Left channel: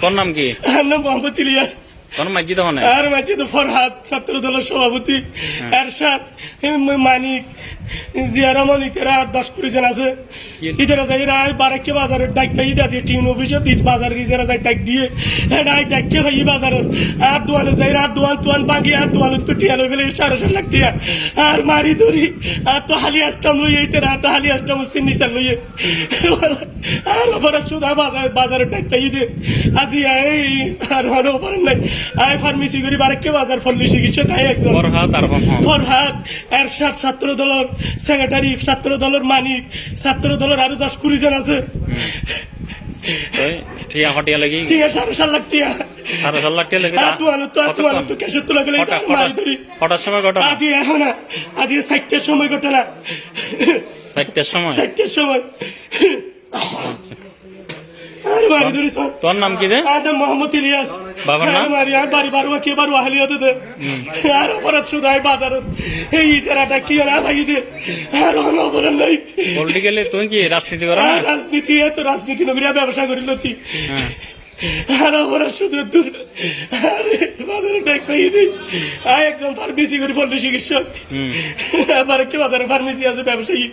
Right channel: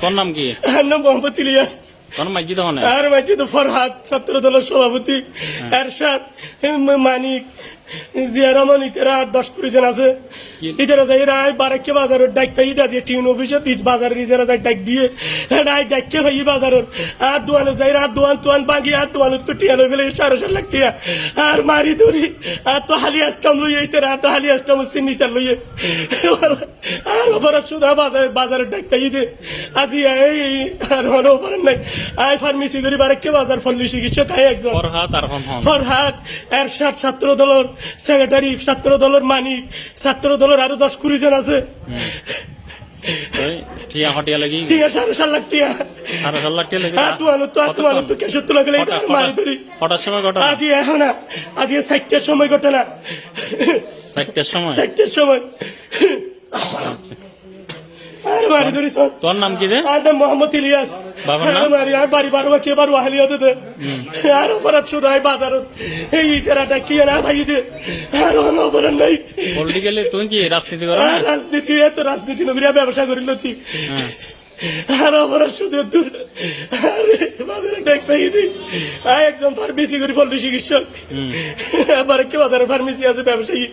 তোর নাম কি? নাম মোহাম্মদ ইলিয়াস। আর ফরহাদ ছাত্র দলের সভাপতি এরশাদ মানিক জিয়া রহমান ইতারা আট দশ কুড়ি জন আছে ইতারা যাই রায় বারাক্কে বাজারের ডাক পাই আছে টিউন অফিসে দিস বাজারের ইজারা যাই ডাক দিয়ে রায় ডাককে ভাই বাজারের আর দোয়ানে যাই আর দোয়ান তোয়ান বাগি আর দোয়ান তো টিয়া ফেলে সাড়ে সাত লাখ টিয়া। আর মারি ধরি আর তো হালি আসতাম লইয়ে ইতারা আর তো হালি আসতাম সিন্নি চাল লইয়ে। আর ওপরে সুদা বাজার বাজারের ডাক পাই দে আজি এই আর মানে ওপরে নাই। আই ফার্মেসি করি বারাক্কে বাজার ফল্লি চিকিৎসা তাই একজন। ফরহাদ আর ফরহাদ ফরহাদ এরশাদ ছাত্র দলের সেক্রেটারি ছাত্র দলের মানিক ছাত্র দলের আরও দশ কুড়ি জন আছে। ঠিয়া হটিয়া লাগি। ঠিক আছে সাড়ে সাত লাখ টিয়া। সাড়ে সাত লাখ টিয়া লাগি আর তো তো আর তো তো কেসে তুলে গেলে মারি ধরি। কটা- সময় ঘটনা? আজি এখন না আজ সময় ঘটে না চারটের সময়। তোর নাম কি রে মোহাম্মদ ইলিয়াস। বাবার নাম? আর মারি বাড়ি বাড়ি কে বার ওয়াহালি হতো দে। আর অপরাধ শুধু হয় বাজার এই ইজারাটা কি না ভাই দে আর অন্য অপরাধ নাই। পলিটিক্যালি তুই কি রাজনীতি করা আর রাজনীতি এত রাজনীতি নবীরা ব্যবসা করিল তুই হ্যাঁ। আর অপরাধ শুধু দূর। আরে বাজারে ডাক পাই দিই আর একদম ফার্মেসি করি চিকিৎসক। কি বাজারে ফার্মেসি আছে ব্যবসায়ী।